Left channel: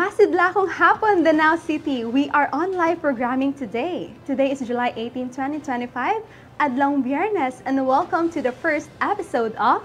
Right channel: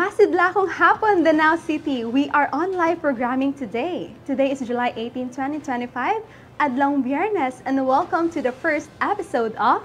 Masidlakong hapon, Danao City. We are on live programming today. Today is July 18, 2025, Adlong Biyernes, and welcome to the first episode of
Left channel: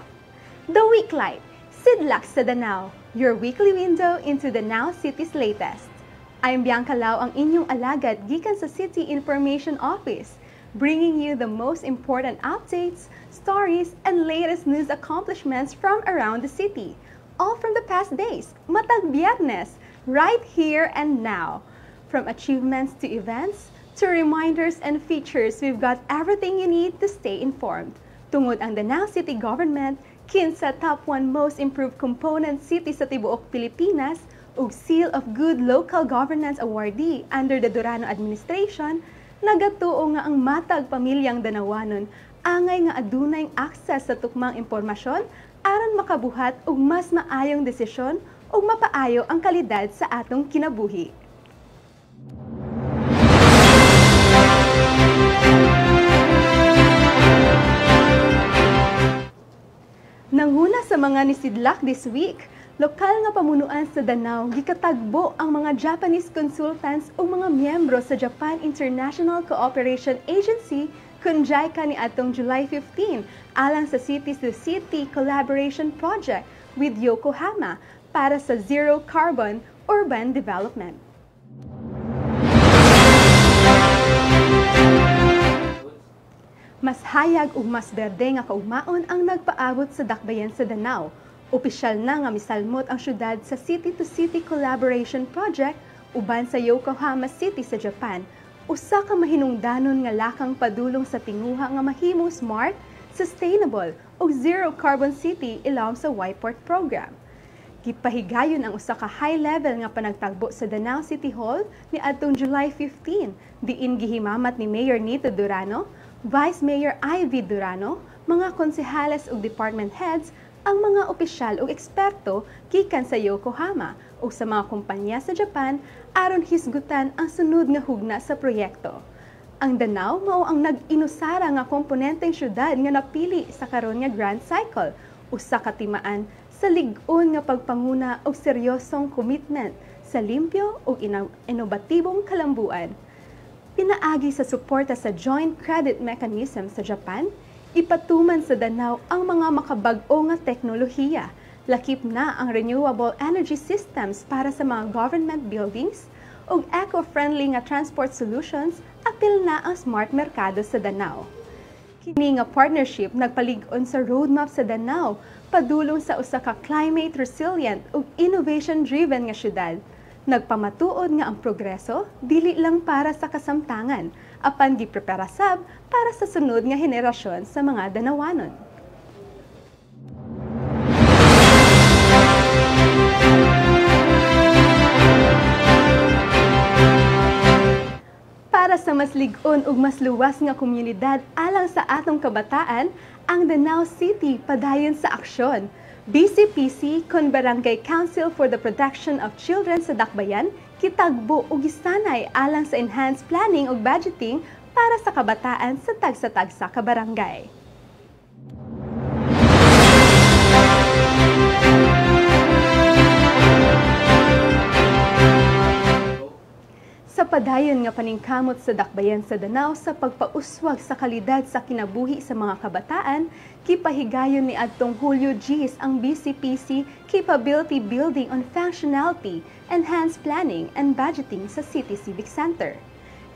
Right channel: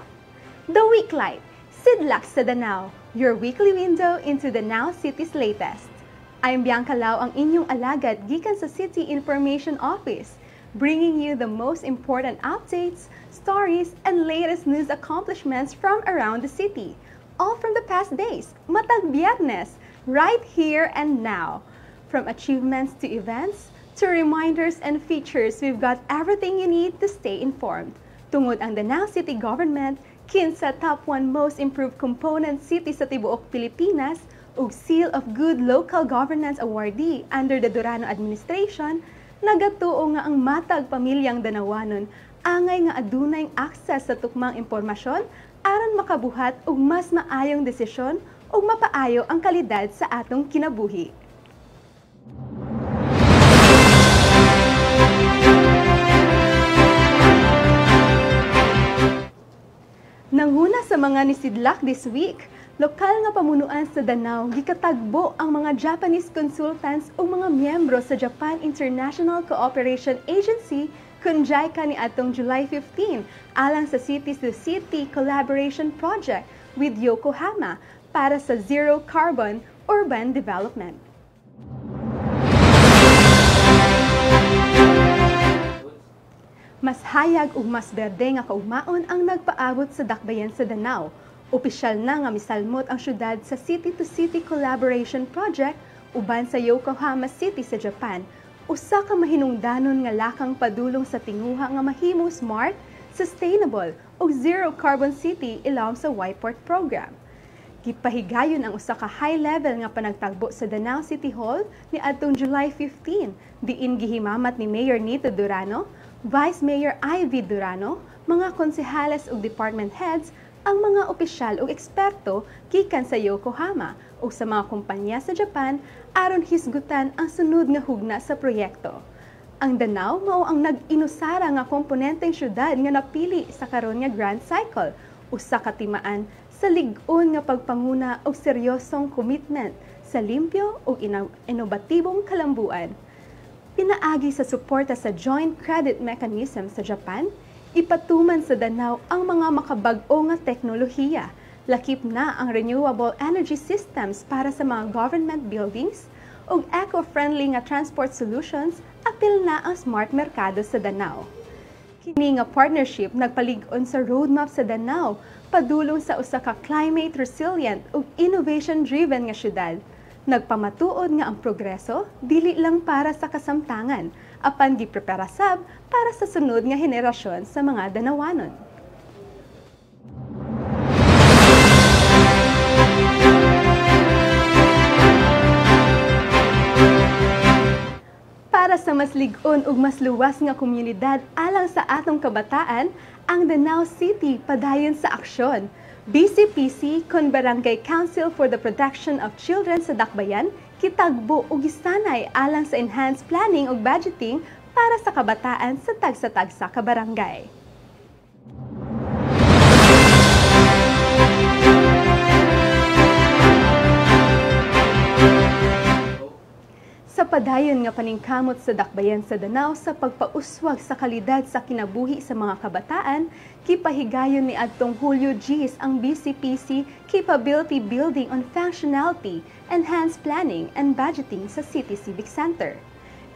The Weeklight, Sidlak sa Danao, your weekly window into Danao City's latest. I'm Bianca Lau, ang inyong alagad gikan sa City Information Office, bringing you the most important updates, stories, and latest news accomplishments from around the city. All from the past days, matag Biyernes, right here and now. From achievements to events, to reminders and features, we've got everything you need to stay informed. Tungod ang Danao City Government, kinsa top 1 most improved component city sa tibuok Pilipinas, ug Seal of Good Local Governance awardee under the Durano administration, nagatuo nga ang matag pamilyang Danawanon angay nga adunay access sa tukmang impormasyon aron makabuhat og mas maayong desisyon ug mapaayo ang kalidad sa atong kinabuhi. Nanghuna sa mga nisidlak this week, lokal nga pamunuan sa Danao gikatagbo ang mga Japanese consultants ug mga miyembro sa Japan International Cooperation Agency kun JICA ni atong July 15 alang sa City-to-City Collaboration Project with Yokohama para sa Zero Carbon Urban Development. Mas hayag ug mas berde nga kaugmaon ang nagpaabot sa dakbayan sa Danao. Opisyal na nga misalmot ang syudad sa City-to-City Collaboration Project uban sa Yokohama City sa Japan. Usa ka mahinungdanon nga lakang padulong sa tinguha nga mahimong smart, sustainable ug zero carbon city ilawom sa Yport program. Gipahigayon ang usa ka high-level nga panagtagbo sa Danao City Hall ni adtong July 15, diin gihimamat ni Mayor Nito Durano, Vice Mayor Ivy Durano, mga konsehales ug department heads, ang mga opisyal ug eksperto gikan sa Yokohama ug sa mga kumpanya sa Japan aron hisgutan ang sunod nga hugna sa proyekto. Ang Danao mao ang nag-inusara nga komponenteng syudad nga napili sa karon nga Grand Cycle, usa ka timaan sa lig-on nga pagpanguna og seryosong commitment sa limpyo ug inobatibong kalambuan. Pinaagi sa suporta sa Joint Credit Mechanism sa Japan, ipatuman sa Danao ang mga makabag-o nga teknolohiya. Lakip na ang renewable energy systems para sa mga government buildings ug eco-friendly nga transport solutions, apil na ang smart merkado sa Danao. Kini nga partnership nagpalig-on sa roadmap sa Danao padulong sa usa ka climate resilient ug innovation-driven nga syudad. Nagpamatuod nga ang progreso dili lang para sa kasamtangan, apan giprepara sab para sa sunod nga henerasyon sa mga Danawanon. Para sa mas lig-on ug mas luwas nga komunidad alang sa atong kabataan, ang Danao City padayon sa aksyon. BCPC kon Barangay Council for the Protection of Children sa Dakbayan kitagbo ug gisanay alang sa enhanced planning ug budgeting para sa kabataan sa tagsa-tagsa ka barangay. Sa padayon nga paningkamot sa dakbayan sa Danao sa pagpauswag sa kalidad sa kinabuhi sa mga kabataan, kipahigayon ni adtong Hulyo Gs ang BCPC Capability Building on Functionality, Enhanced Planning and Budgeting sa City Civic Center.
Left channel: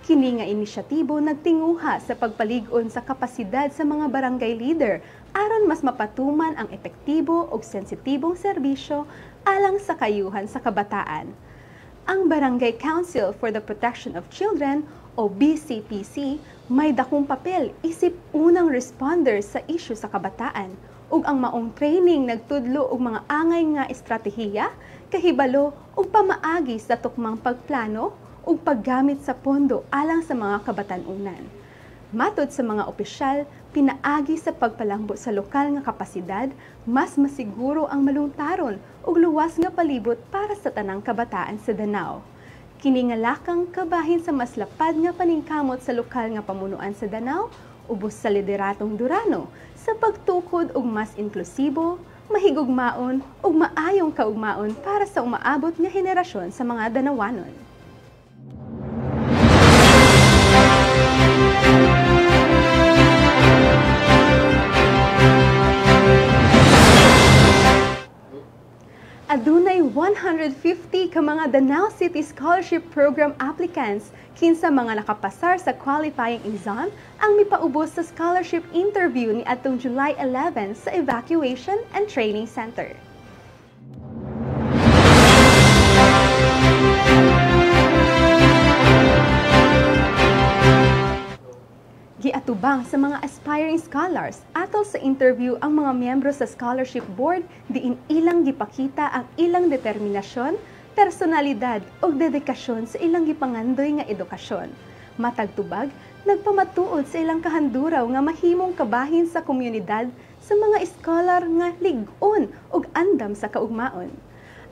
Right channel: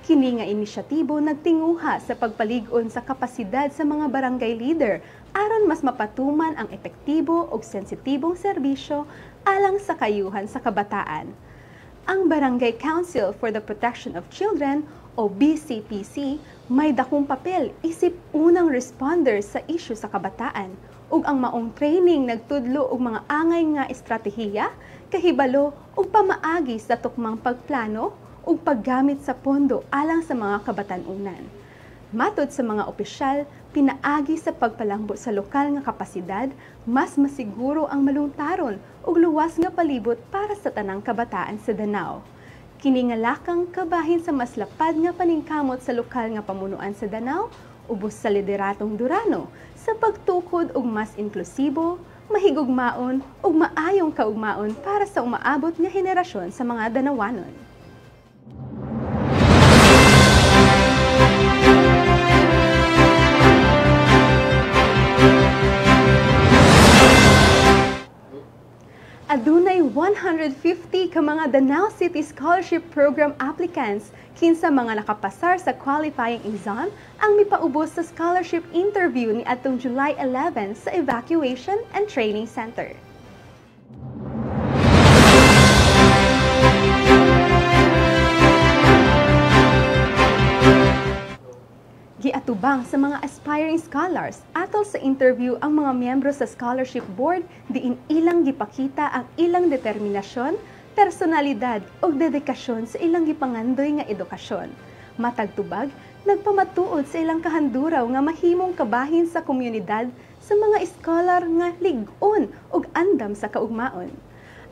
Kini nga inisyatibo nagtinguha sa pagpalig-on sa kapasidad sa mga barangay leader aron mas mapatuman ang epektibo ug sensitibong serbisyo alang sa kayuhan sa kabataan. Ang Barangay Council for the Protection of Children o BCPC may dakong papel isip unang responder sa isyu sa kabataan ug ang maong training nagtudlo og mga angay nga estratehiya, kahibalo ug pamaagi sa tukmang pagplano ug paggamit sa pondo alang sa mga kabatan-unan. Matod sa mga opisyal, pinaagi sa pagpalangbo sa lokal nga kapasidad, mas masiguro ang malungtaron ug luwas nga palibot para sa tanang kabataan sa Danao. Kini nga lakang kabahin sa mas lapad nga paningkamot sa lokal nga pamunuan sa Danao, ubos sa lideratong Durano sa pagtukod og mas inklusibo, mahigugmaon ug maayong kaugmaon para sa umaabot nga henerasyon sa mga Danawanon. Adunay 150 ka mga Danao City Scholarship Program applicants kinsa mga nakapasar sa qualifying exam ang mipaubos sa scholarship interview ni atong July 11 sa Evacuation and Training Center. Giatubang sa mga aspiring scholars atol sa interview ang mga miyembro sa scholarship board diin ilang gipakita ang ilang determinasyon, personalidad ug dedikasyon sa ilang gipangandoy nga edukasyon. Matag tubag, nagpamatuod sa ilang kahanduraw nga mahimong kabahin sa komunidad sa mga scholar nga lig-on ug andam sa kaugmaon.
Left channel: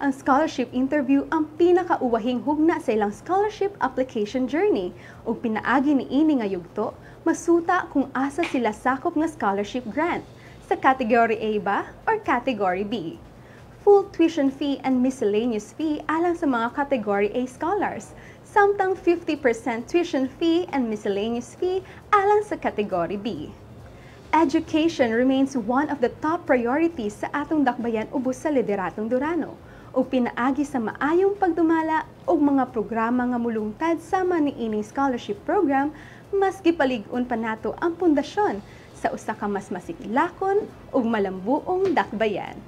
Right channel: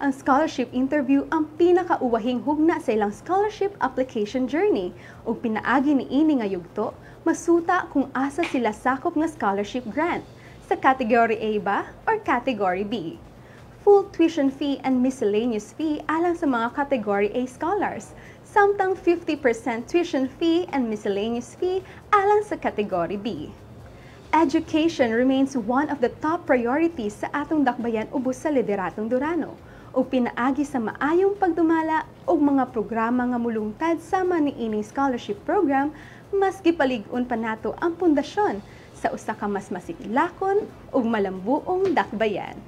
Ang scholarship interview ang pinakauwahing hugna sa ilang scholarship application journey ug pinaagi ni ini nga yugto masuta kung asa sila sakop nga scholarship grant sa category A ba or category B. Full tuition fee and miscellaneous fee alang sa mga category A scholars, samtang 50% tuition fee and miscellaneous fee alang sa category B. Education remains one of the top priorities sa atong dakbayan ubos sa Lideratong Durano ug pinaagi sa maayong pagdumala og mga programa nga mulungtad sama ni ining scholarship program, mas gipalig-on pa nato ang pundasyon sa usa ka mas masikilakon ug malambuong dakbayan.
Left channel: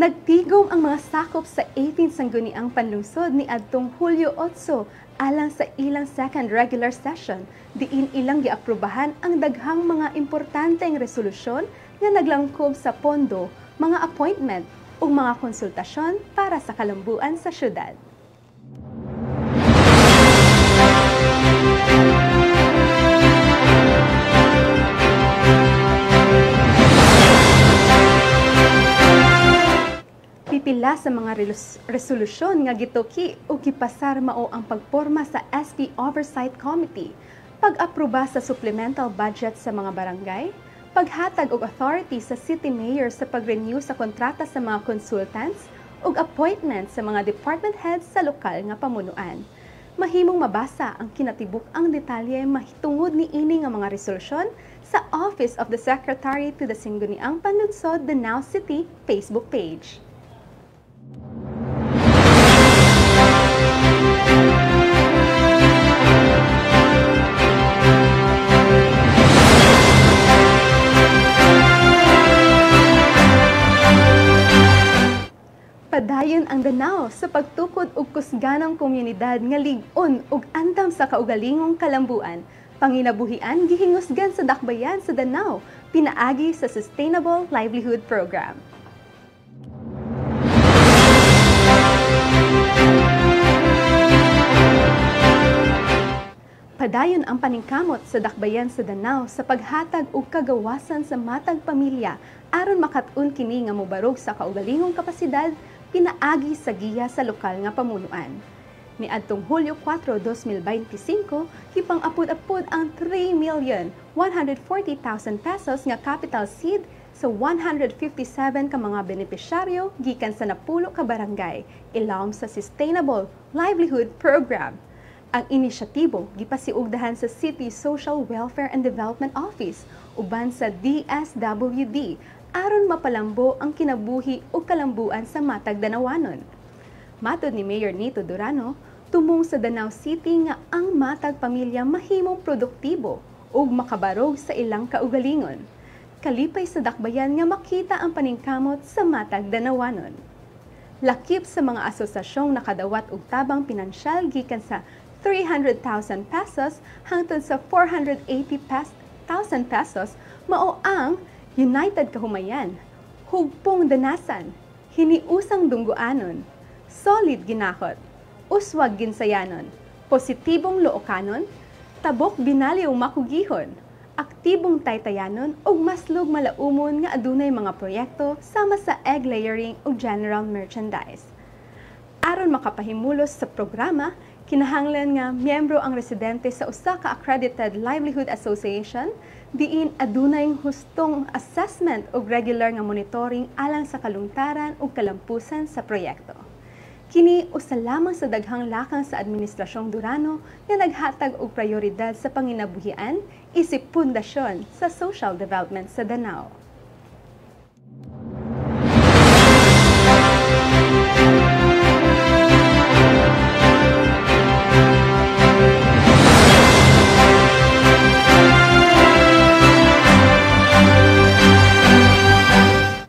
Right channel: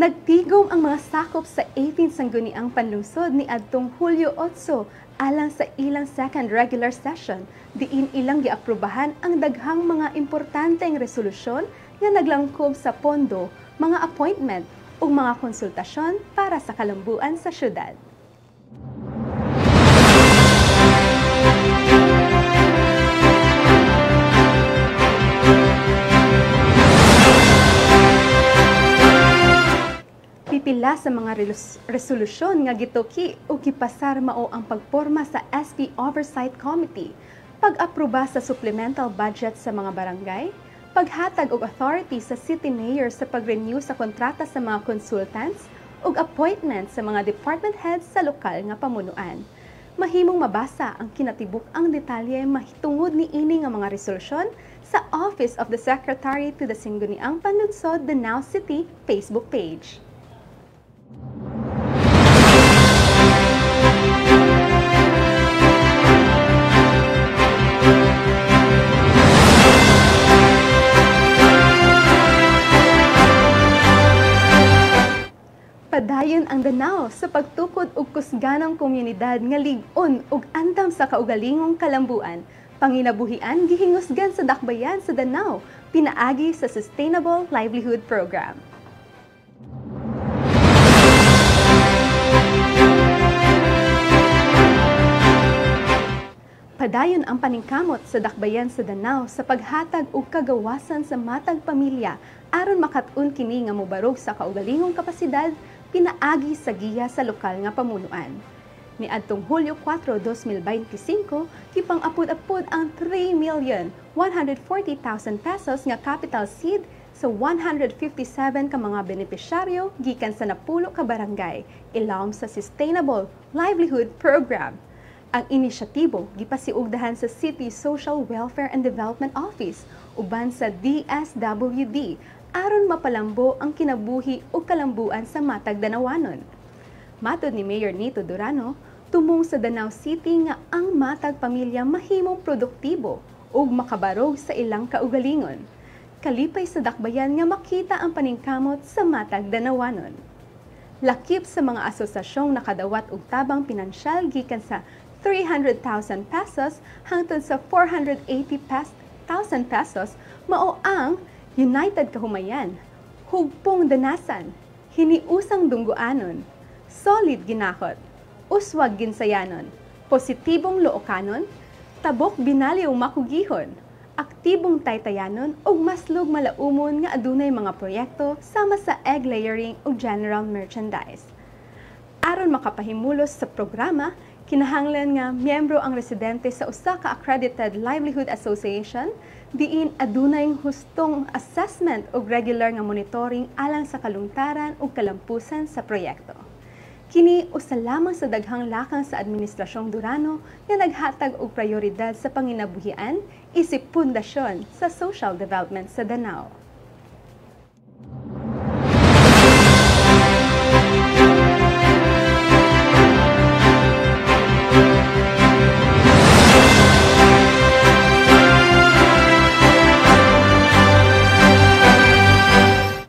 Nagtigom ang mga sakop sa 18 sangguniang panlungsod ni adtong Hulyo 8 alang sa ilang second regular session diin ilang giaprubahan ang daghang mga importanteng resolusyon nga naglangkob sa pondo, mga appointment ug mga konsultasyon para sa kalambuan sa syudad. Pipila sa mga resolusyon nga gituki o gipasar mao ang pagporma sa SP Oversight Committee, pag-aproba sa supplemental budget sa mga barangay, paghatag og authority sa city mayor sa pag-renew sa kontrata sa mga consultants ug appointment sa mga department heads sa lokal nga pamunuan. Mahimong mabasa ang kinatibuk-ang detalye mahitungod ni ini nga mga resolusyon sa Office of the Secretary to the Sangguniang Panlunsod, Danao City Facebook page. Padayon ang Danao sa pagtukod og kusganang komunidad nga lig-on ug andam sa kaugalingong kalambuan. Panginabuhian gihingusgan sa dakbayan sa Danao, pinaagi sa Sustainable Livelihood Program. Padayon ang paningkamot sa dakbayan sa Danao sa paghatag og kagawasan sa matag pamilya aron makat-on kini nga mobarog sa kaugalingong kapasidad pinaagi sa giya sa lokal nga pamunuan. Niadtong Hulyo 4, 2025, kipang-apod-apod ang 3,140,000 pesos nga capital seed sa 157 ka mga benepisyaryo gikan sa napulo ka barangay ilawom sa Sustainable Livelihood Program. Ang inisyatibo gipasiugdahan sa City Social Welfare and Development Office uban sa DSWD aron mapalambo ang kinabuhi o kalambuan sa matag Danawanon. Matod ni Mayor Nito Durano, tumong sa Danao City nga ang matag pamilya mahimong produktibo ug makabarog sa ilang kaugalingon. Kalipay sa dakbayan nga makita ang paningkamot sa matag Danawanon. Lakip sa mga asosasyong nakadawat og tabang pinansyal gikan sa 300,000 pesos hangtod sa 480,000 pesos mao ang United Kahumayan, Hugpong Danasan, Hiniusang Dunggoanon, Solid Ginakot, Uswag Ginsayanon, Positibong Loocanon, Tabok Binaliw Makugihon, aktibong taytayanon ug maslog malaumon nga adunay mga proyekto sama sa egg layering ug general merchandise. Aron makapahimulos sa programa, kinahanglan nga miyembro ang residente sa usa ka accredited livelihood association diin adunay hustong assessment ug regular nga monitoring alang sa kalungtaran ug kalampusan sa proyekto. Kini usa lamang sa daghang lakang sa Administrasyong Durano nga naghatag og prioridad sa panginabuhian isip pundasyon sa social development sa Danao.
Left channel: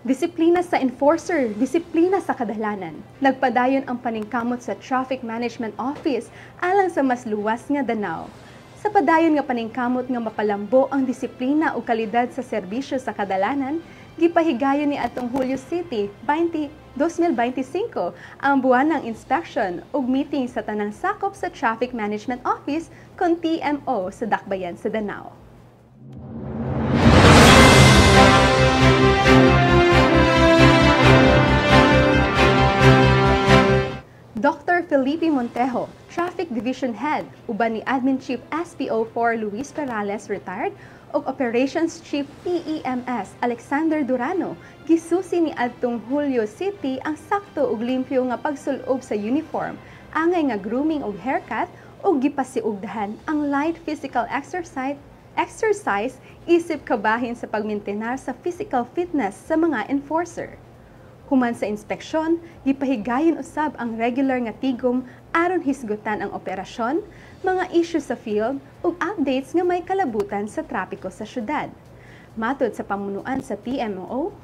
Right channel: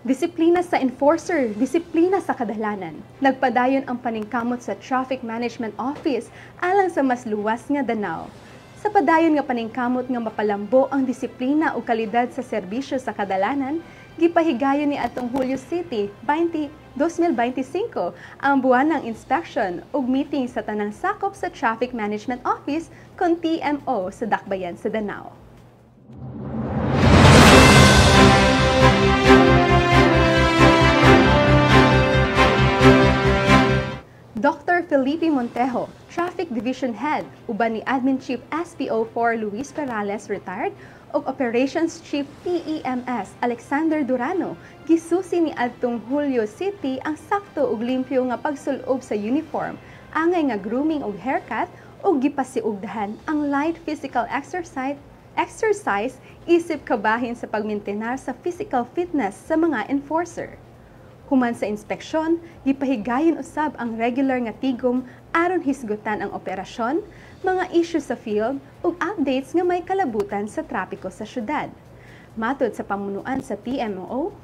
Disiplina sa enforcer, disiplina sa kadalanan. Nagpadayon ang paningkamot sa Traffic Management Office alang sa mas luwas nga Danao. Sa padayon nga paningkamot nga mapalambo ang disiplina o kalidad sa serbisyo sa kadalanan, gipahigayon ni atong Hulyo City 2025 ang buwan ng inspection ug meeting sa tanang sakop sa Traffic Management Office kon TMO sa Dakbayan sa Danao. Dr. Felipe Montejo, Traffic Division Head, uban ni Admin Chief SPO4 Luis Perales, retired, ug Operations Chief PEMS Alexander Durano, gisusi ni adtong Hulyo City ang sakto ug limpyo nga pagsulob sa uniform, angay nga grooming ug haircut, ug gipasiugdahan ang light physical exercise isip kabahin sa pagmintenar sa physical fitness sa mga enforcer. Human sa inspeksyon, gipahigayon usab ang regular nga tigom aron hisgutan ang operasyon, mga issue sa field ug updates nga may kalabutan sa trapiko sa syudad. Matod sa pamunuan sa TMO,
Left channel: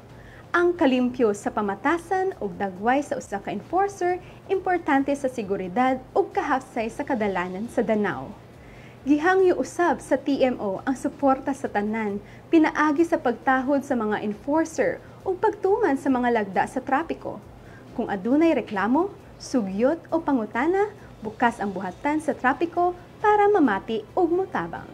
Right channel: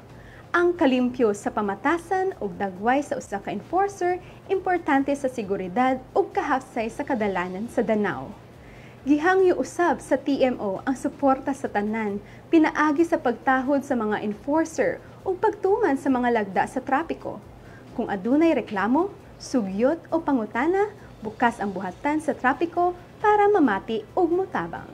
ang kalimpyo sa pamatasan ug dagway sa usa ka enforcer importante sa seguridad ug kahapsay sa kadalanan sa Danao. Gihangyo usab sa TMO ang suporta sa tanan, pinaagi sa pagtahod sa mga enforcer o pagtuman sa mga lagda sa trapiko. Kung adunay reklamo, sugyot o pangutana, bukas ang buhatan sa trapiko para mamati ug mutabang.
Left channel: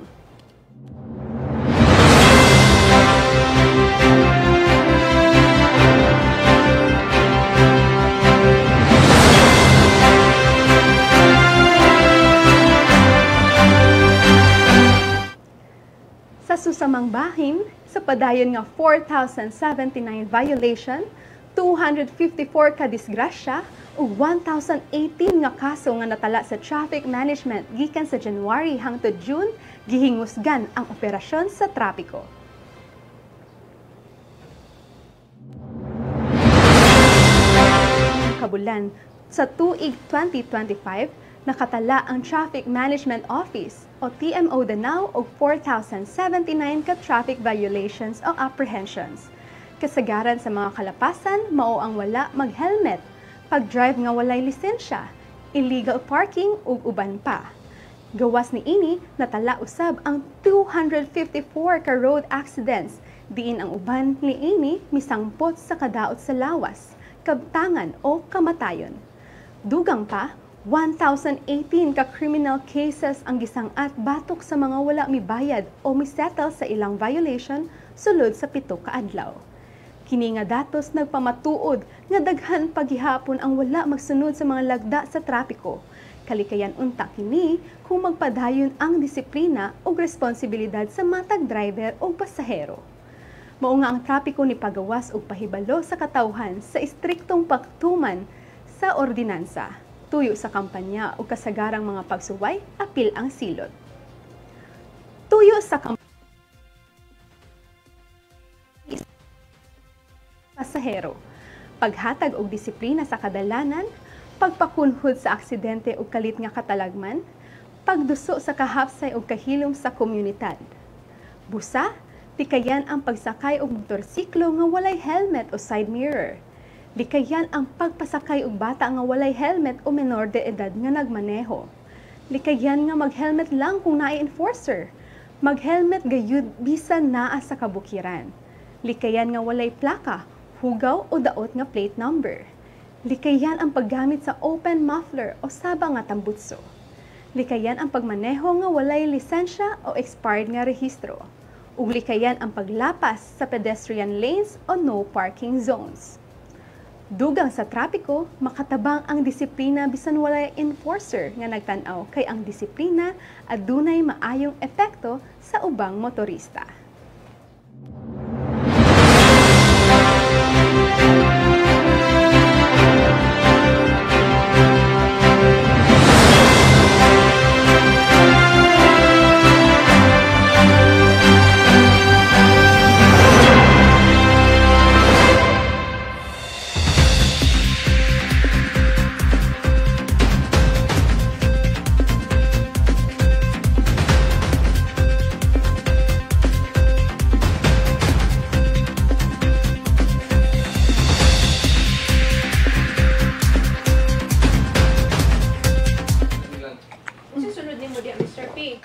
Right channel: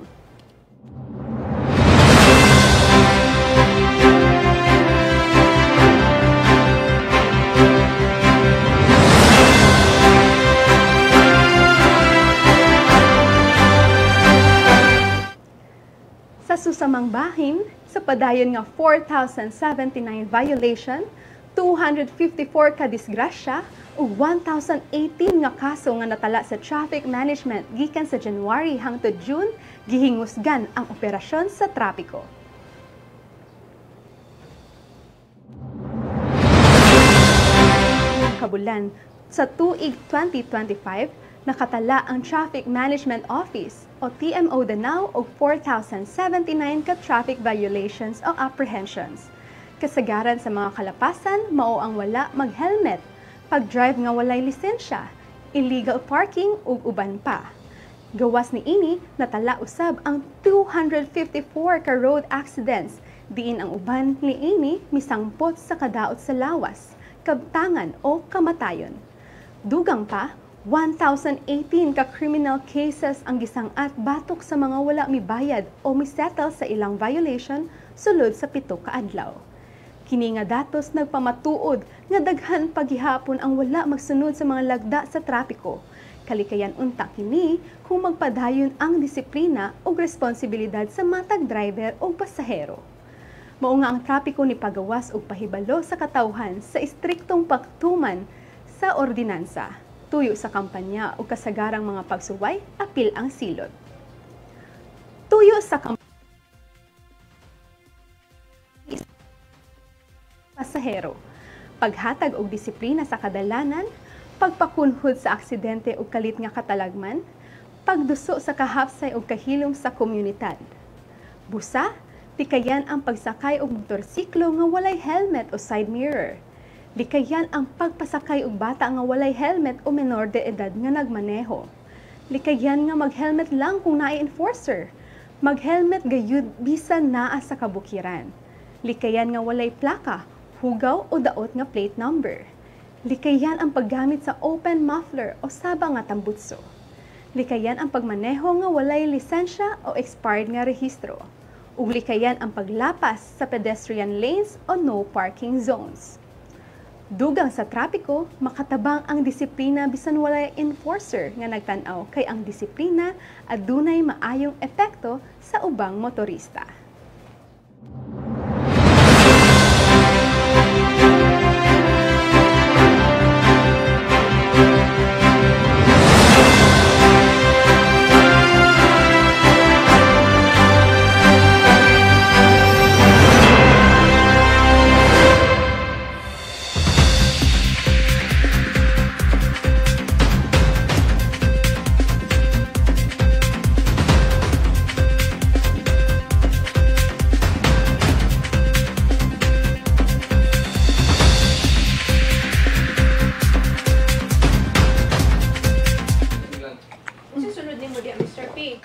Sa susamang bahin, sa padayon nga 4,079 violation, 254 ka disgrasya ug 1,018 nga kaso nga natala sa traffic management gikan sa January hangtod June, gihingusgan ang operasyon sa trapiko. Kabulan, sa tuig 2025, nakatala ang Traffic Management Office o TMO Danao og 4,079 ka traffic violations o apprehensions. Kasagaran sa mga kalapasan, mao ang wala mag-helmet, pag-drive nga walay lisensya, illegal parking ug uban pa. Gawas ni ini, natala usab ang 254 ka road accidents, diin ang uban ni ini misangpot sa kadaot sa lawas, kabtangan o kamatayon. Dugang pa, 1,018 ka criminal cases ang gisangat batok sa mga wala mibayad o misettle sa ilang violation sulod sa 7 ka adlaw. Kini nga datos nagpamatuod nga daghan paghihapon ang wala magsunod sa mga lagda sa trapiko. Kalikayan unta kini kung magpadayon ang disiplina o responsibilidad sa matag driver o pasahero. Mao nga ang trapiko ni pagawas og pahibalo sa katawhan sa istriktong pagtuman sa ordinansa. Tuyo sa kampanya o kasagarang mga pagsuway, apil ang silot. Tuyo sa pasahero, paghatag og disiplina sa kadalanan, pagpakunhod sa aksidente o kalit nga katalagman, pagduso sa kahapsay o kahilom sa komunidad. Busa, tikayan ang pagsakay og motorsiklo nga walay helmet o side mirror. Likayan ang pagpasakay og bata nga walay helmet o menor de edad nga nagmaneho. Likayan nga mag-helmet lang kung naay enforcer. Mag-helmet gayud bisan naa sa kabukiran. Likayan nga walay plaka, hugaw o daot nga plate number. Likayan ang paggamit sa open muffler o saba nga tambutso. Likayan ang pagmaneho nga walay lisensya o expired nga rehistro. ug likayan ang paglapas sa pedestrian lanes o no parking zones. Dugang sa trapiko, makatabang ang disiplina bisan walay enforcer nga nagtan-aw kay ang disiplina adunay maayong epekto sa ubang motorista. Mr. P.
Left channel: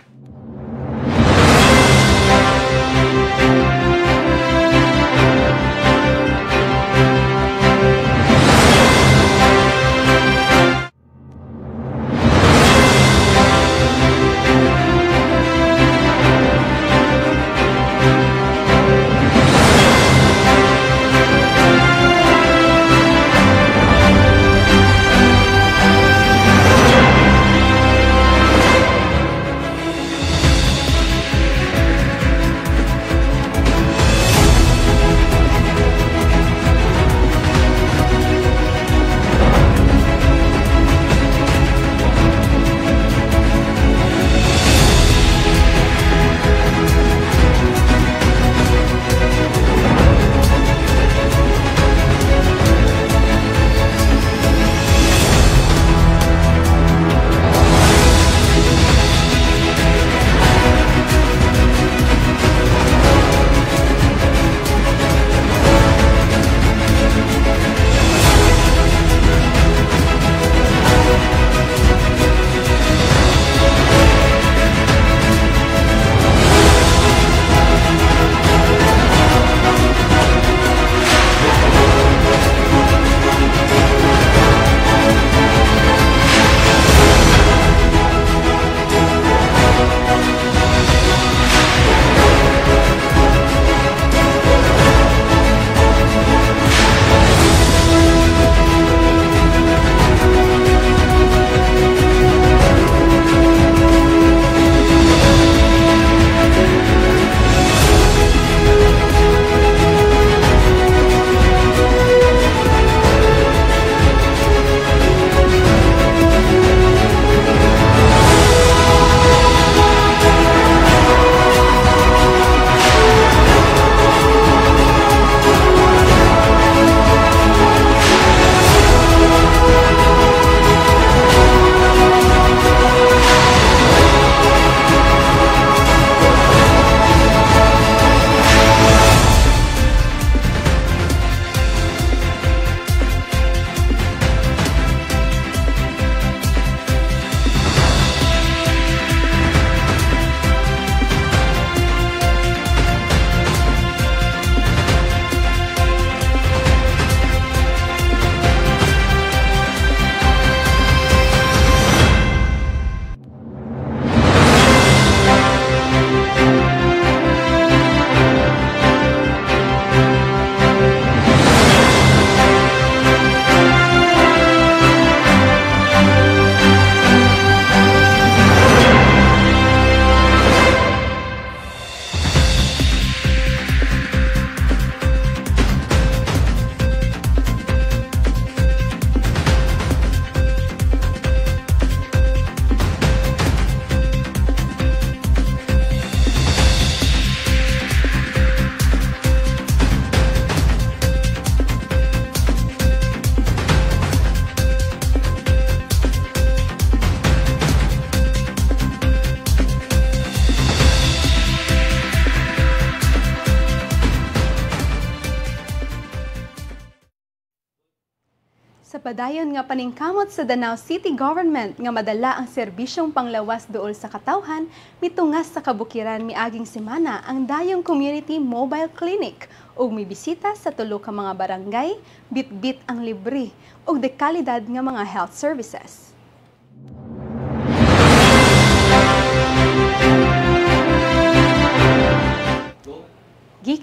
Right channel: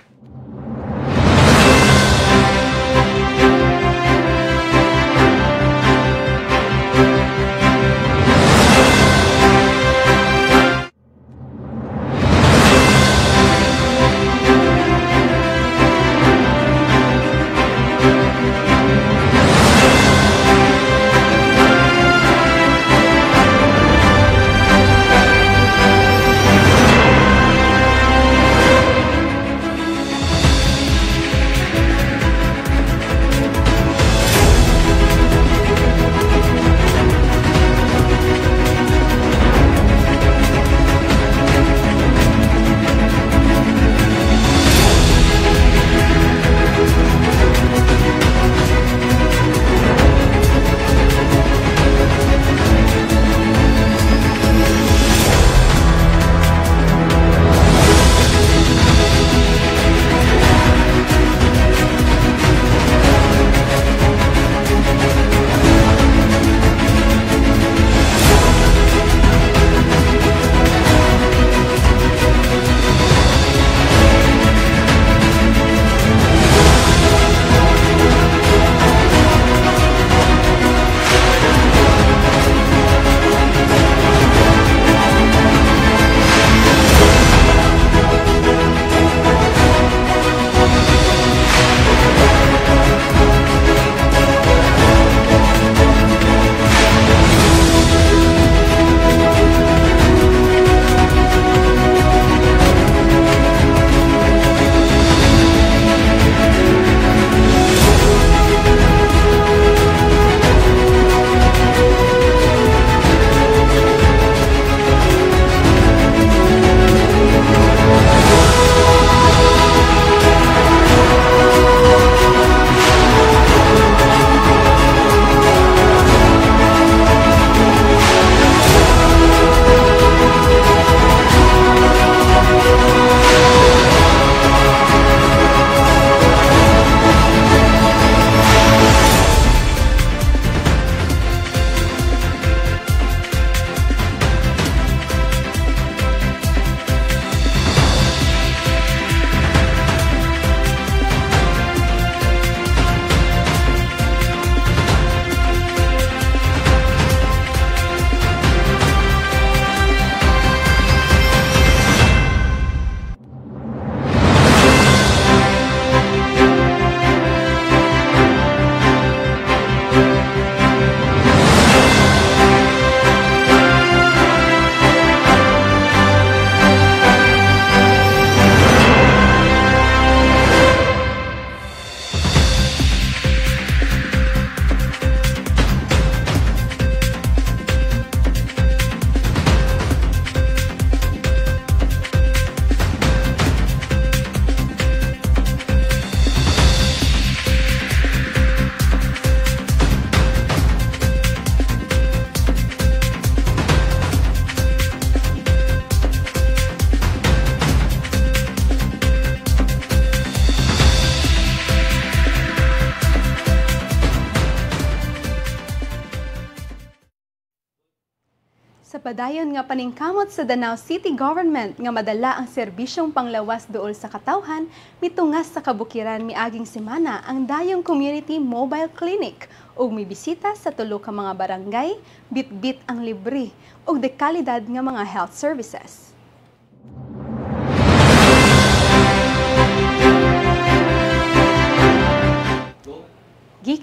Sa padayon nga paningkamot sa Danao City Government nga madala ang serbisyong panglawas duol sa katawhan, mitungas sa kabukiran miaging semana ang Dayong Community Mobile Clinic ug mibisita sa tulo ka mga barangay, bit-bit ang libre ug dekalidad nga mga health services.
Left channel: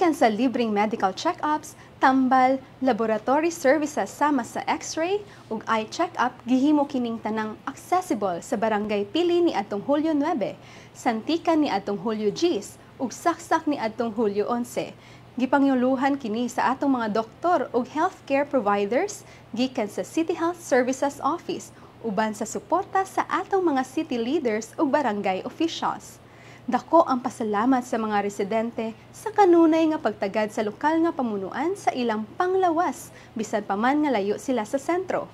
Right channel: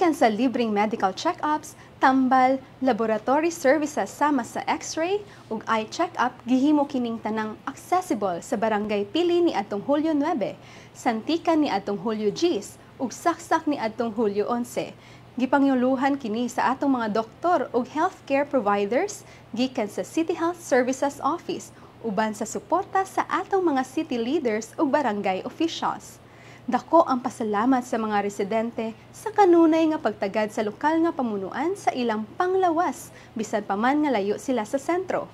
gikan sa libreng medical check-ups, tambal, laboratory services sama sa X-ray ug eye check-up gihimo kining tanang accessible sa Barangay Pili ni adtong Hulyo 9, Santikan ni adtong Hulyo 10 ug Saksak ni adtong Hulyo 11. Gipangyuluhan kini sa atong mga doktor ug healthcare providers gikan sa City Health Services Office uban sa suporta sa atong mga city leaders ug barangay officials. Dako ang pasalamat sa mga residente sa kanunay nga pagtagad sa lokal nga pamunuan sa ilang panglawas bisan pa man nga layo sila sa sentro.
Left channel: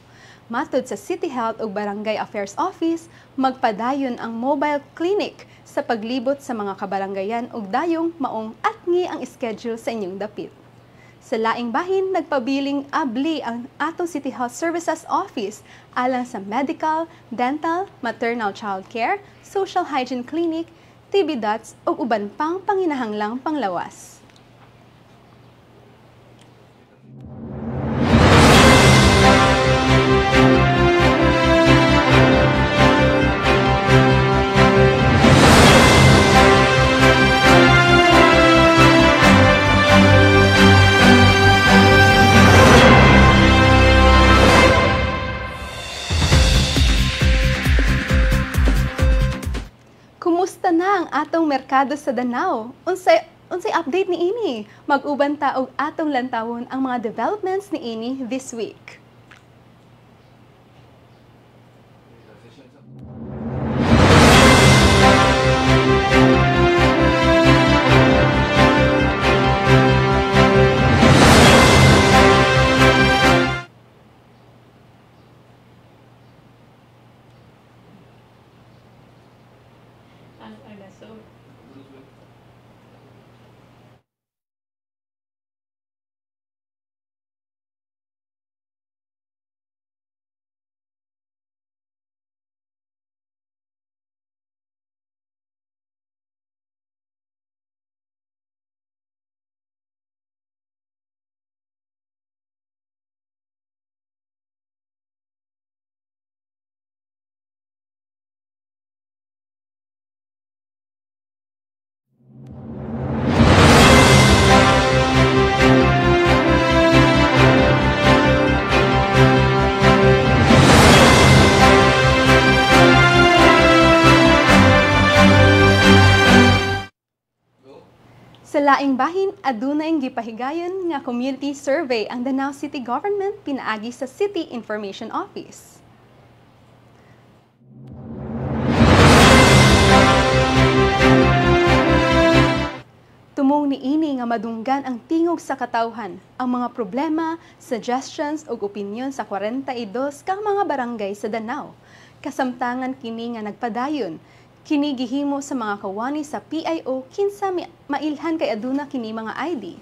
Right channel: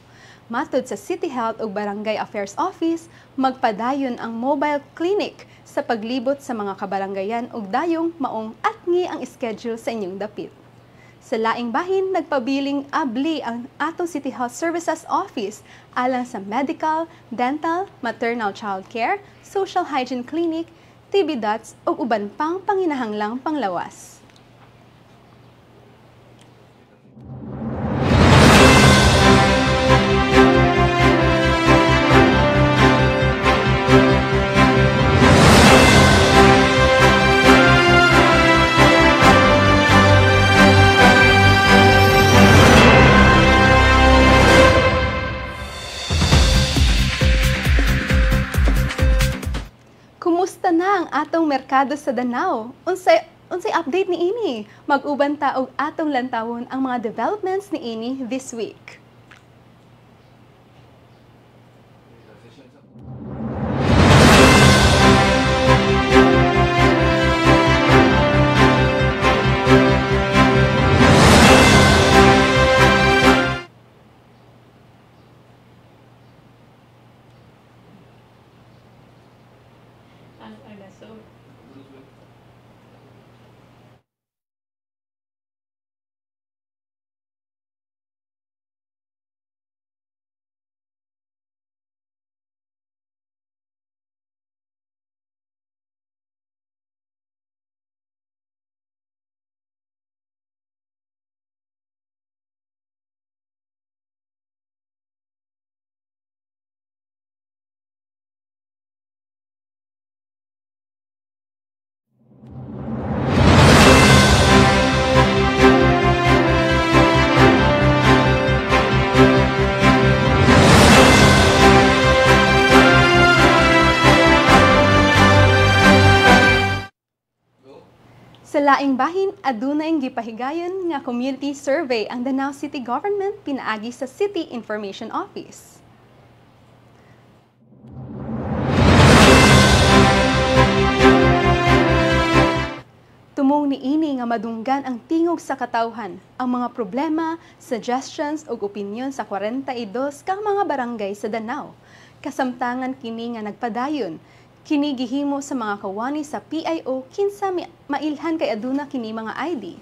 Matud sa City Health ug Barangay Affairs Office, magpadayon ang mobile clinic sa paglibot sa mga kabarangayan ug dayong maong atngi ang schedule sa inyong dapit. Sa laing bahin, nagpabiling abli ang atong City Health Services Office alang sa medical, dental, maternal child care, social hygiene clinic, TB dots ug uban pang panginahanglang panglawas. Kumusta na ang atong merkado sa Danao? Unsay update ni ini? Mag-uban ta og atong lantawon ang mga developments ni ini this week. Sa laing bahin, adunay gipahigayon nga community survey ang Danao City Government pinaagi sa City Information Office. Tumong niini nga madunggan ang tingog sa katawhan, ang mga problema, suggestions ug opinyon sa 42 kang mga barangay sa Danao. Kasamtangan kini nga nagpadayon. Kini gihimo sa mga kawani sa PIO kinsa mailhan kay aduna kini mga ID.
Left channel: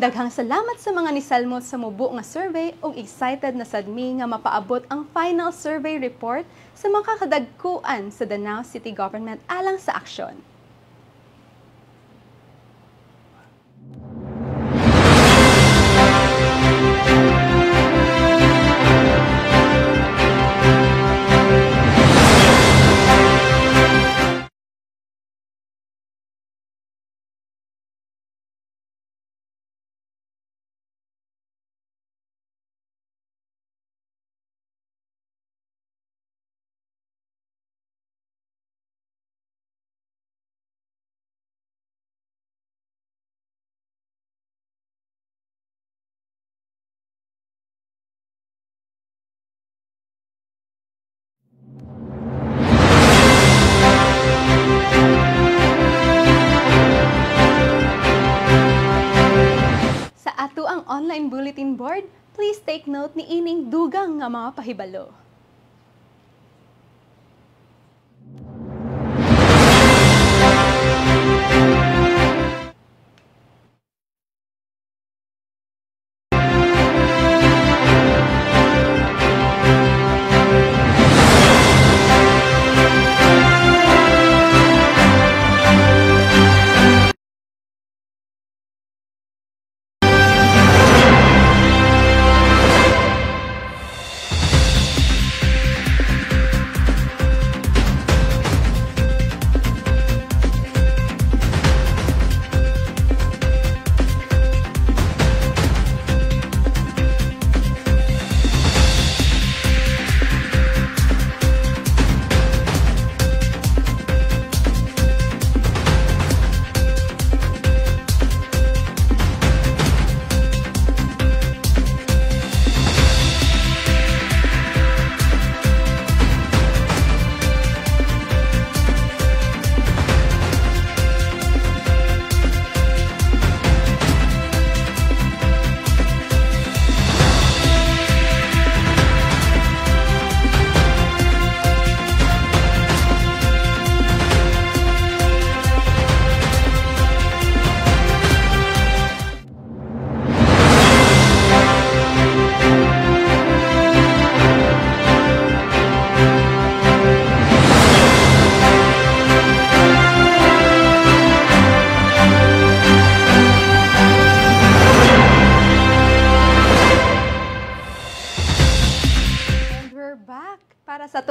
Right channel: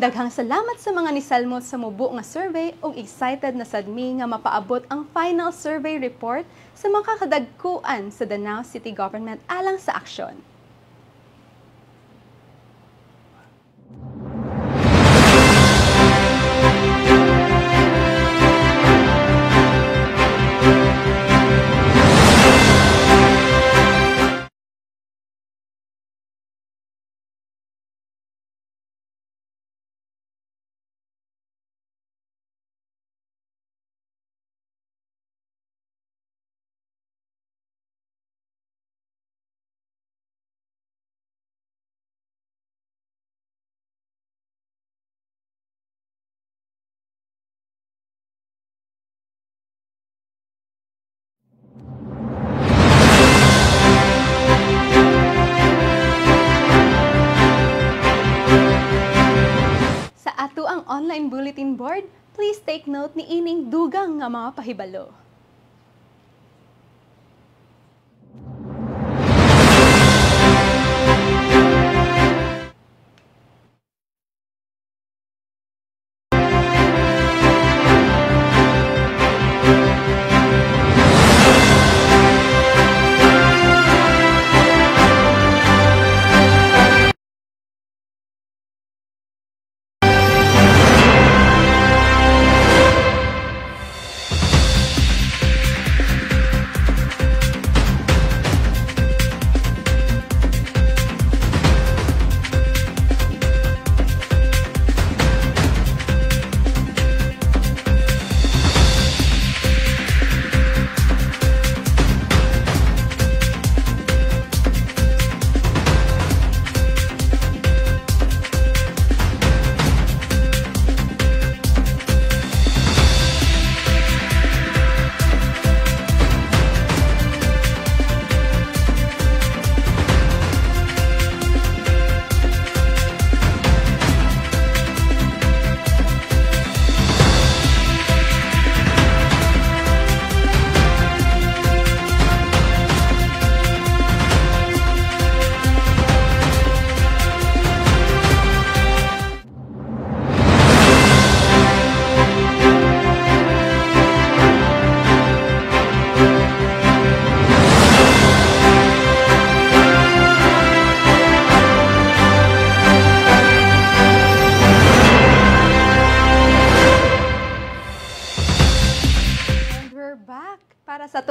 Daghang salamat sa mga nisalmot sa mubo nga survey ug excited na sadmi nga mapaabot ang final survey report sa mga kadagkuan sa Danao City Government alang sa aksyon. Ato ang online bulletin board, please take note ni ining dugang nga mga pahibalo.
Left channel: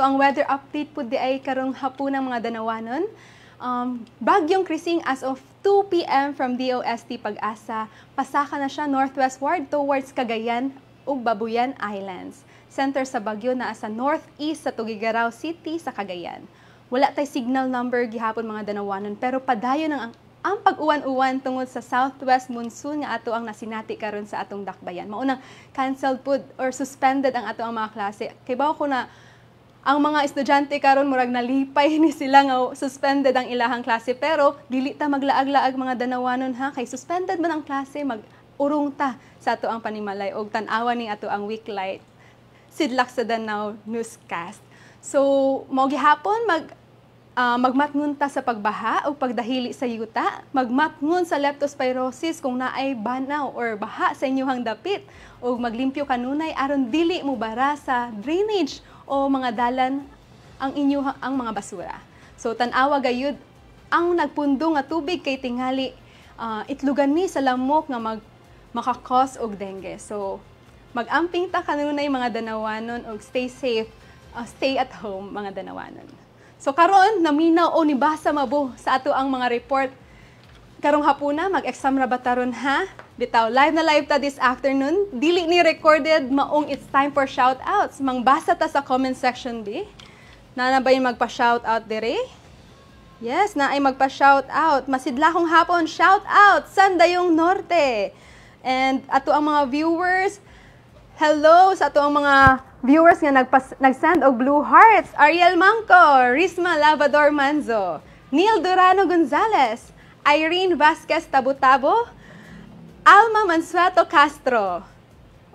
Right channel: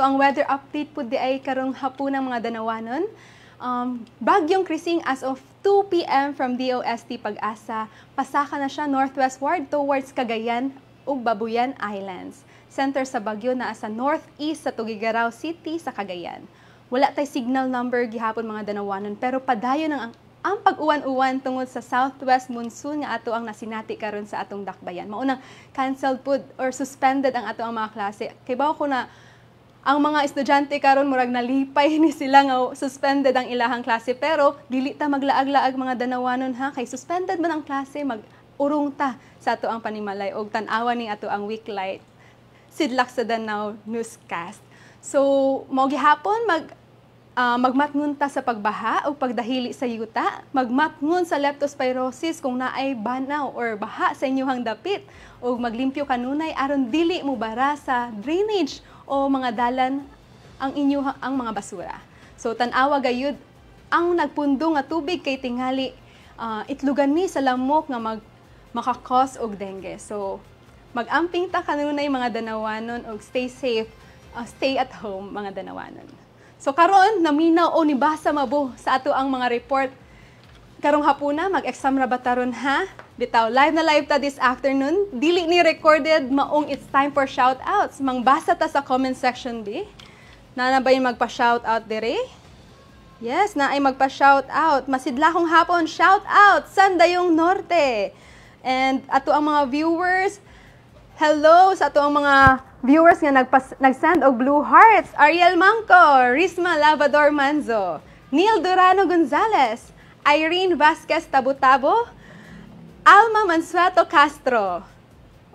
ato ang weather update po di ay karong hapon ng mga danawanon. Bagyong Krising as of 2 p.m. from DOST Pag-asa, pasaka na siya northwestward towards Cagayan ug Babuyan Islands. Center sa bagyo naa sa northeast sa Tuguegarao City sa Cagayan. Wala tay signal number gihapon mga danawanon pero padayon ang pag-uwan-uwan tungod sa southwest monsoon nga ato ang nasinati karon sa atong dakbayan. Maunang canceled pud or suspended ang ato ang mga klase. Kay bawo ko na ang mga estudyante karon murag nalipay ni sila nga suspended ang ilahang klase pero dili ta maglaag-laag mga danawanon ha kay suspended man ang klase mag-urong ta sa ato ang panimalay og tan-awan ni ato ang weeklight Sidlak sa Danau newscast. So mao gihapon magmatngon ta sa pagbaha o pagdahili sa yuta, magmatngon sa leptospirosis kung naay banaw or baha sa inyong dapit o maglimpyo kanunay aron dili mo bara sa drainage o mga dalan ang mga basura. So tan-awa gayud ang nagpundo nga tubig kay tingali itlugan ni sa lamok nga makakos og dengue. So mag-amping ta kanunay mga danawanon og stay safe, stay at home mga danawanon. So karon naminaw o nibasa mabo sa ato ang mga report. Karong hapuna mag-exam ra bataron ha. Bitaw live na live ta this afternoon. Dili ni recorded maong it's time for shout outs. Mangbasa ta sa comment section di. Na ba yung magpa-shout out dire? Yes, na ay magpa-shout out. Masidlahong hapon shout out Sandayong Norte. And ato ang mga viewers, hello sa ato ang mga viewers nga nag-send og blue hearts. Ariel Mangco, Risma Lavador Manzo, Neil Durano Gonzalez, Irene Vasquez Tabutabo, Alma Mansueto Castro.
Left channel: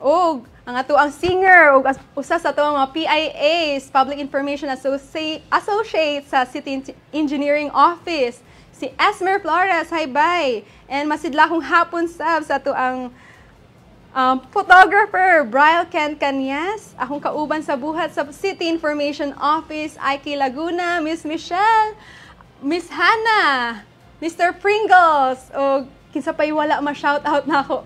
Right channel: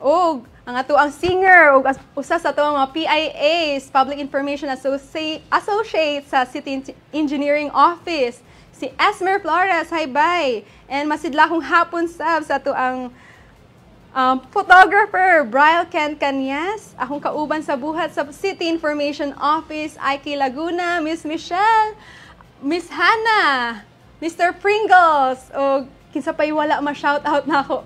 Og ang ato ang singer og usa sa ato mga PIAs, Public Information Associate sa City Engineering Office, si Esmer Flores, hi bye. And masidlahong hapon sa ato ang photographer, Brian Ken Canyas, akong kauban sa buhat sa City Information Office, Ike Laguna, Miss Michelle, Miss Hannah, Mr. Pringles, o kinsa pa'y wala ma-shoutout na ako.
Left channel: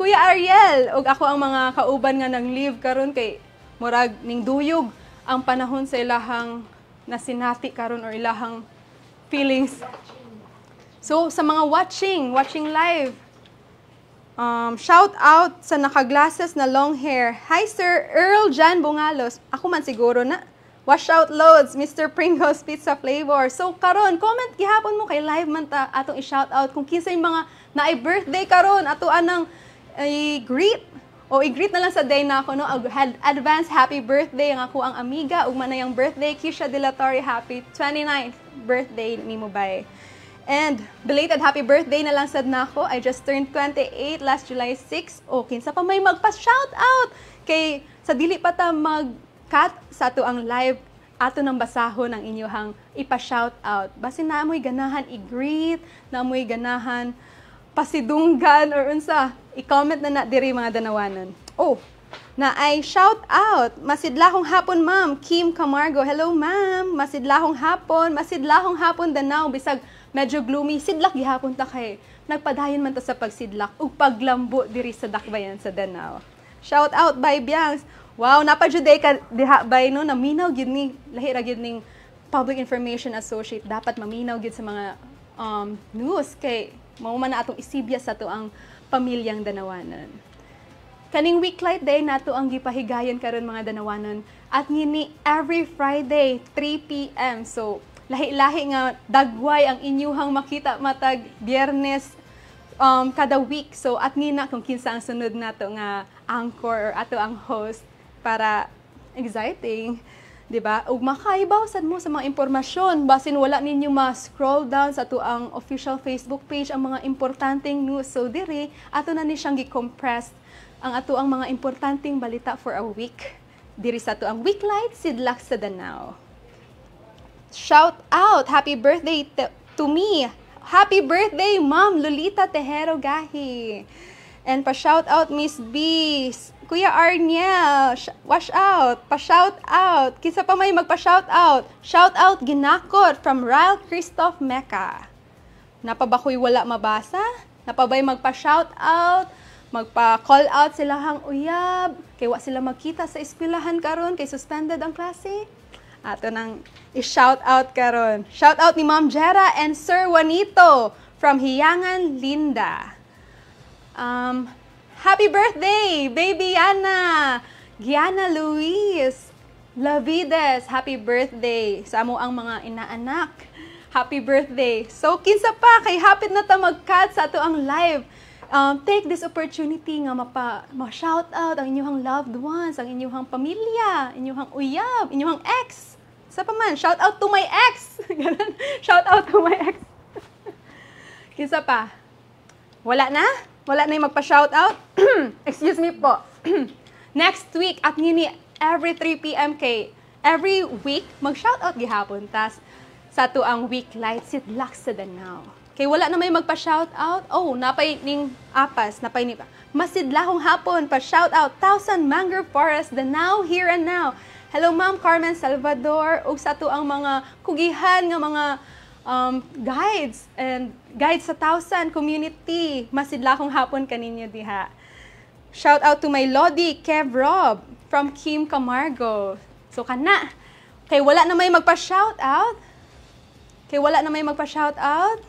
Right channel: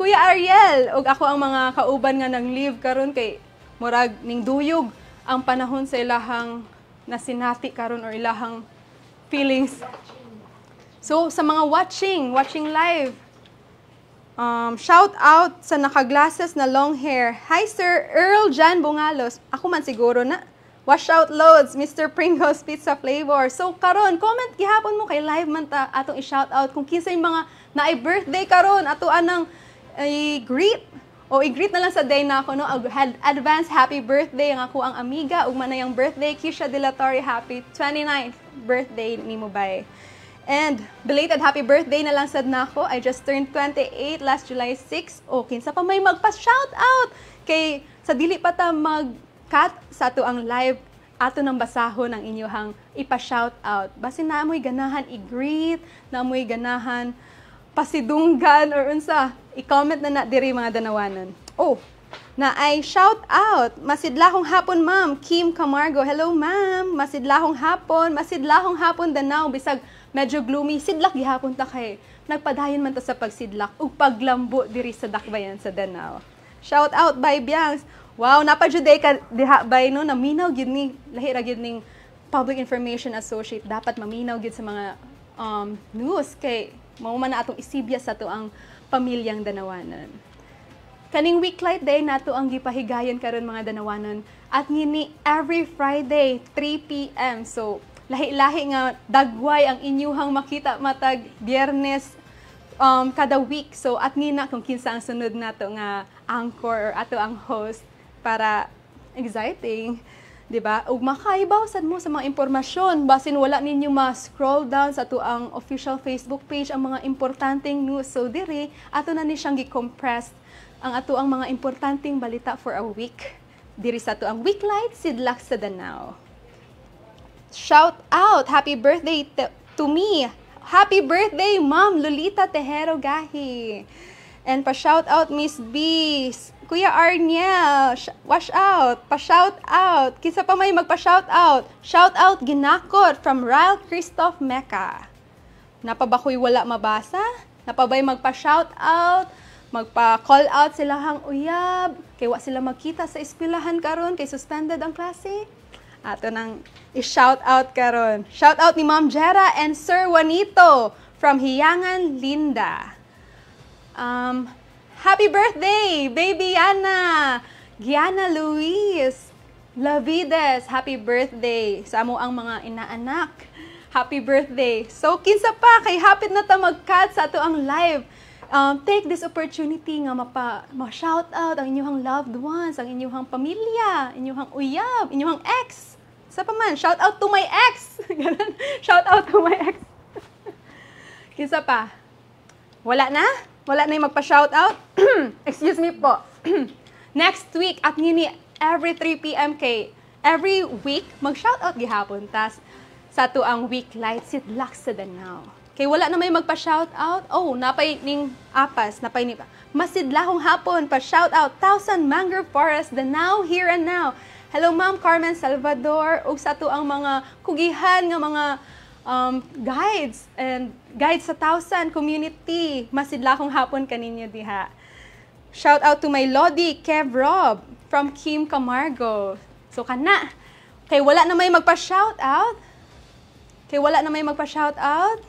Kuya Ariel, o ako ang mga kauban nga nang leave karon kay murag ning duyog ang panahon sa ilahang nasinati karon or ilahang feelings. So sa mga watching live, shout out sa naka-glasses na long hair. Hi Sir Earl Jan Bungalos. Ako man siguro na. Wash out loads, Mr. Pringles Pizza Flavor. So karon, comment gihapon mo kay live man ta atong i-shout out kung kinsa yung mga naay birthday karon ato anang i-greet o i-greet na lang sa day na ako no. Advance happy birthday ang ako ang amiga ug manayang birthday Kisha De La Torre, happy 29th birthday nimo bay. And belated happy birthday na lang sad nako. I just turned 28 last July 6. O kinsa pa may magpa-shout out kay sa dili pa ta mag-cut sa ato ang live ato nang basahon ang inyohang ipa-shout out. Basin na amoy ganahan i-greet, na amoy ganahan pasidunggan or unsa, i-comment na diri mga danawanon. Oh, na ay shout out. Masidlahong hapon ma'am, Kim Camargo. Hello ma'am. Masidlahong hapon Danau bisag medyo gloomy. Sidlak gihapon ta kay nagpadayon man ta sa pagsidlak ug paglambo diri sa dakbayan sa Danau. Shout out by Biangs. Wow, napajuday ka diha bay no naminaw gid ni lahi ra gid ning Public Information Associate dapat maminaw gid sa mga news kay mao man na atong isibya sa to ang pamilyang Danawanon. Kaning weeklight day nato ang gipahigayon karon mga Danawanon at ngini every Friday 3 p.m. So lahi-lahi nga dagway ang inyuhang makita matag Biyernes kada week. So at ngina kung kinsa ang sunod nato nga anchor or ato ang host para exciting, di ba? Ug makaibaw sad mo sa mga impormasyon basin wala ninyo ma-scroll down sa ato ang official Facebook page ang mga importanteng news. So diri ato na ni siyang gi-compress ang ato ang mga importanteng balita for a week. Diri sa ato ang weeklight Sidlak sa Danau. Shout out! Happy birthday to me! Happy birthday, Ma'am Lolita Tejero Gahi! And pa-shout out, Miss B! Kuya Arniel! Wash out! Pa-shout out! Kisa pa may magpa-shout out! Shout out Ginakot from Ryle Christoph Mecca. Napabakoy wala mabasa? Napabay magpa-shout out? Magpa-call out sila hang uyab? Kaya wa sila magkita sa eskwelahan karon kay suspended ang klase? Ato nang i-shout out karon. Shout out ni Ma'am Jera and Sir Juanito from Hiyangan, Linda. Happy birthday, baby Yana! Giana Luis Lavides, happy birthday sa amo ang mga inaanak. Happy birthday. So, kinsa pa, kay hapit na ta mag-cut sa ato ang live. Take this opportunity nga ma-shout out ang inyong loved ones, ang inyong pamilya, inyong uyab, inyong ex. Sa pa man, shout out to my ex. Shout out to my ex. Kinsa pa? Wala na? Wala na yung magpa-shout out? Excuse me po. Next week, at ngini, every 3 p.m. kay every week, mag-shout out gihapon. Tas, sa to ang week light, sidlak sa Danao. Kay wala na may magpa-shout out. Oh, napay ning apas, napay ni masidlahong hapon pa-shout out 1,000 Mangrove Forest Danao here and now. Hello Ma'am Carmen Salvador ug sa to ang mga kugihan nga mga guides and guides sa 1,000 community. Masidlahong hapon kaninyo diha. Shout out to my Lodi Kev Rob from Kim Camargo. So kana kay wala na may magpa-shout out. Kay wala na may magpa-shout out.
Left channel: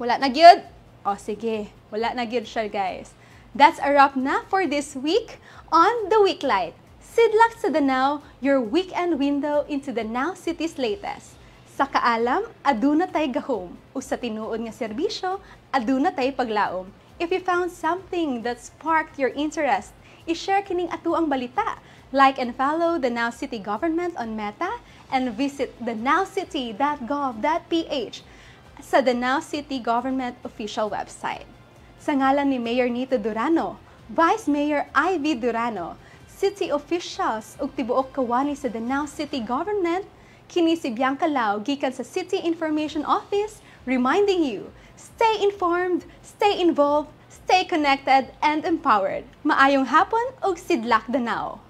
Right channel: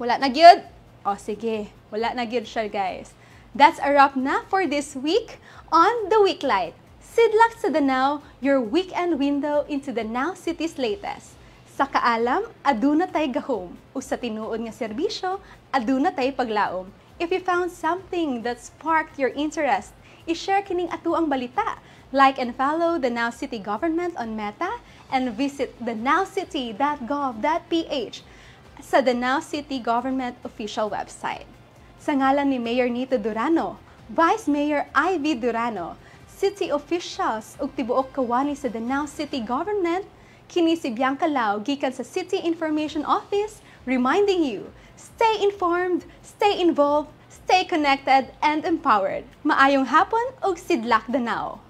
Wala na gyud? O sige, wala na gyud siya guys. That's a wrap na for this week on The Weeklight. Sidlak sa Danao, your weekend window into Danao City's latest. Sa kaalam, aduna tay gahom. O sa tinuod nga serbisyo, aduna tay paglaom. If you found something that sparked your interest, i-share kining ato ang balita. Like and follow the Now City Government on Meta and visit thenowcity.gov.ph sa the Now City Government official website. Sa ngalan ni Mayor Nito Durano, Vice Mayor Ivy Durano, city officials ug tibuok kawani sa the Now City Government, kini si Bianca Lau gikan sa City Information Office reminding you, stay informed, stay involved, stay connected and empowered. Maayong hapon ug sidlak Danao.